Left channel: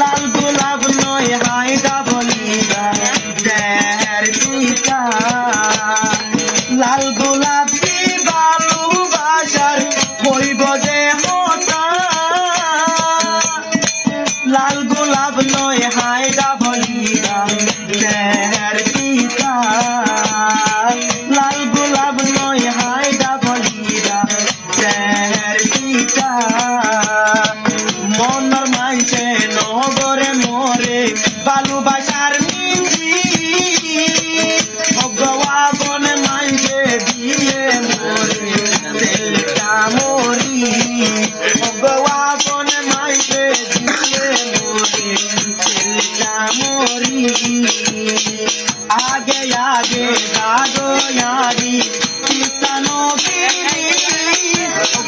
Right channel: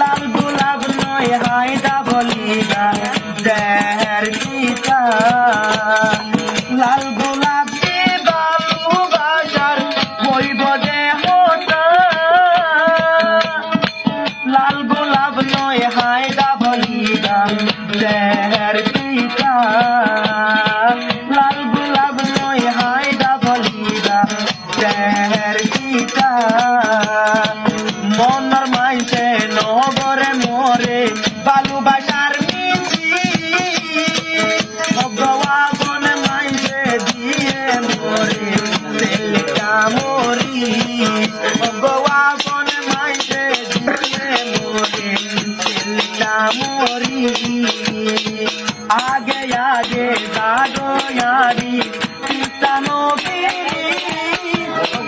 লাল গোলাপ নয় হায়দা বলিবা দেহের পিতা লাল গোলাপ ভালোবাসার বইব যে হতা লাল গোলাপ নয় হায়দা বলিবা দেহের পিতা লাল গোলাপ নয় হায়দা বলিবা দেহের পিতা মনের মাইছে নগরে মরে ভালোবাসার মিছি ভগবান মাইছে দিয়ে মরে সেলটা মরি ভগবান মাইছে দিয়ে মরে সেলটা মরি आगे आगे दागो यारी किसानो की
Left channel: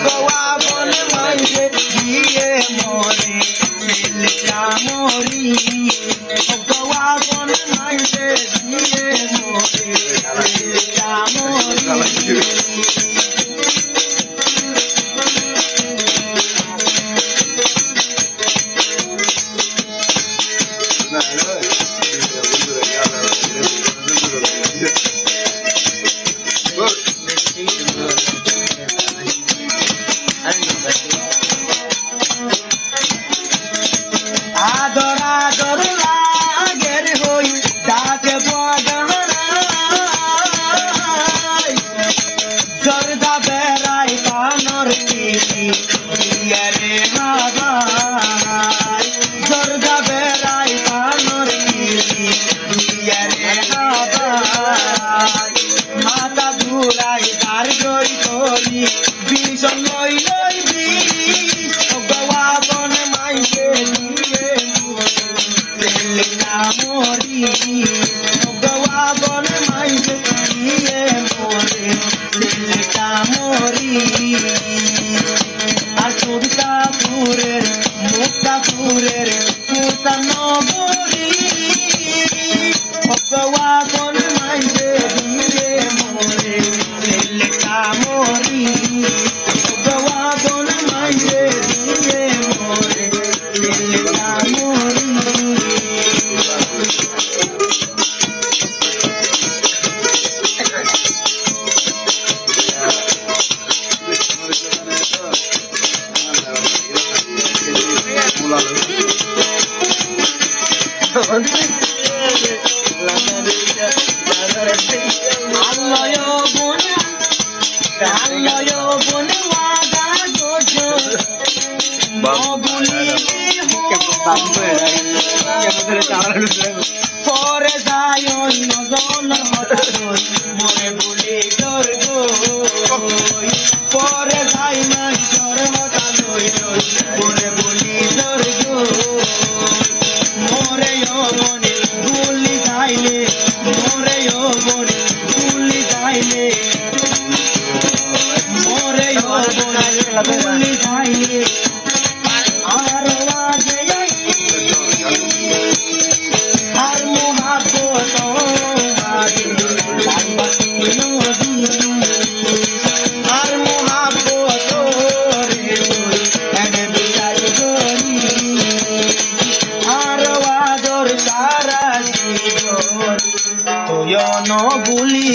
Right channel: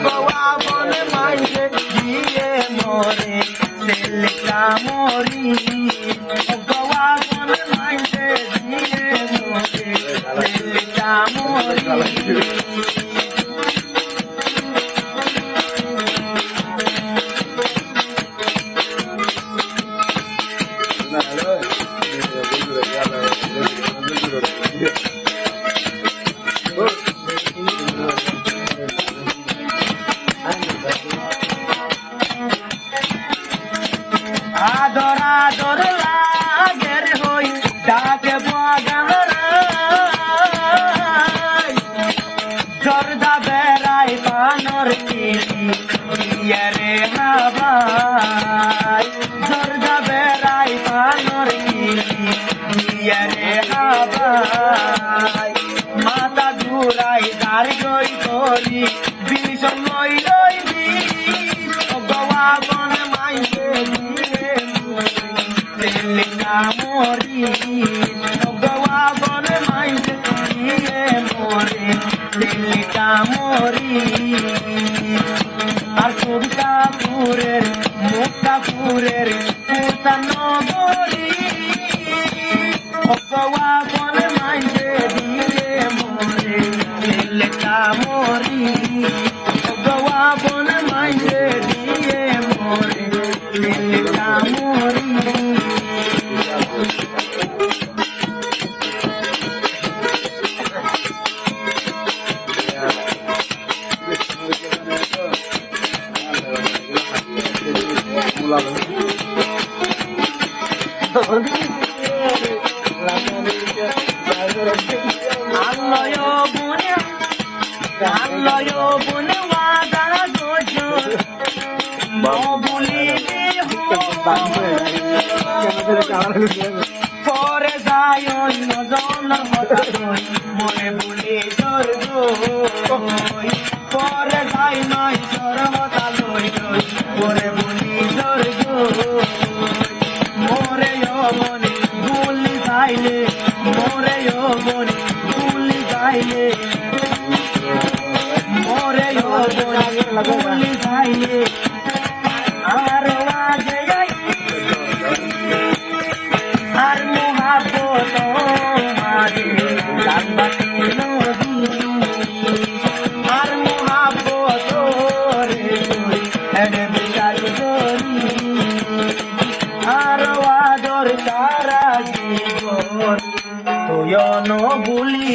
गोवा बन मांगे दिए मोरे सिलका मोरी गोवा बन मांगे दिए मोरे सिलका मोरी आदर आदर लागेर हई डाके बगाराय जर्दा बेराय पानर किटी रे हाबाय जर्दा बेराय पानर किटी रे हाबाय माता घुराय दार गई करी भीषण लई लई बिष भगवान माइके मोरी भगवान माइके दिए मोरे सिलका मोरी আর সুরকাপুরের মুক্তাপুরের নগরী ভগবান মাইকে দিয়ে মোরে সিলকা মোরি ভগবান মাইকে দিয়ে মোরে সিলকা মোরি আল্লাহ বনে ওয়াদা গজর বলিলি পরে যায় নজনের হঠাৎ মনে বলি দর্গ পরে যাই মাইশর হঠাৎ পরে বলি দর্গ মোরে বনে গুলি যাইলে মোরে বনে গুলি যাইলে মোরে বনে গুলি যাইলে আর আগে আর মোহাব্বত মাঝে লাগবাতি নদী আর মোহাব্বত রে এনে বিচার করি আর আদর সারা জীবন তুই ন ভুলি